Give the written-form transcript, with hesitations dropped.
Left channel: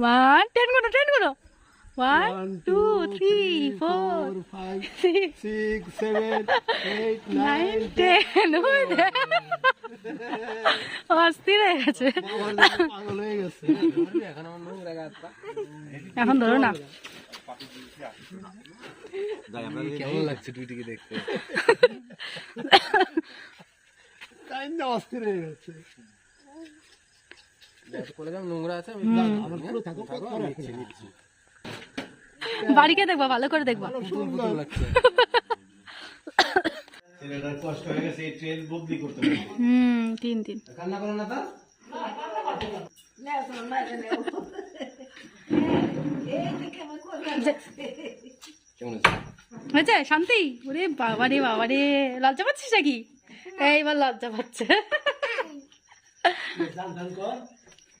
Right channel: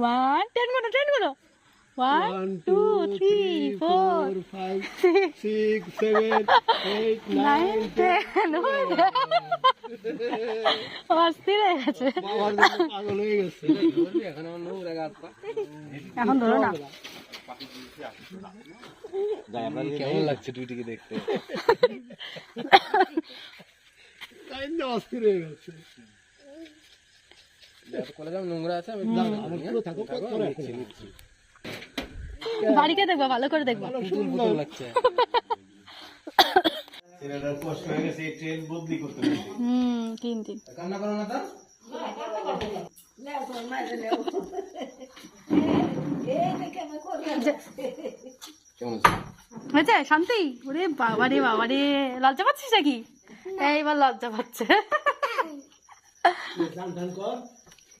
1 10 গুলো 1 2 3 4 5 6 7 8 9 10 অস্থির হয়ে গেছে পাগল হয়ে গেছে এখন ধরো না কেমন লাগছে টুইটিকে দেখতে তাই না অস্থির হয়ে গেছে নোংরা আছে বাড়িকে দেখবা ভালো করে দেখবা কষ্ট হয়ে গেছে ট্রেন বদলি করতে হবে 3 কান্না করো না তার হয়েছে শান্তি ওরে বাবারে বাবারে লজ্জা পাচ্ছিস নাকি এইবার লজ্জা পাচ্ছে কর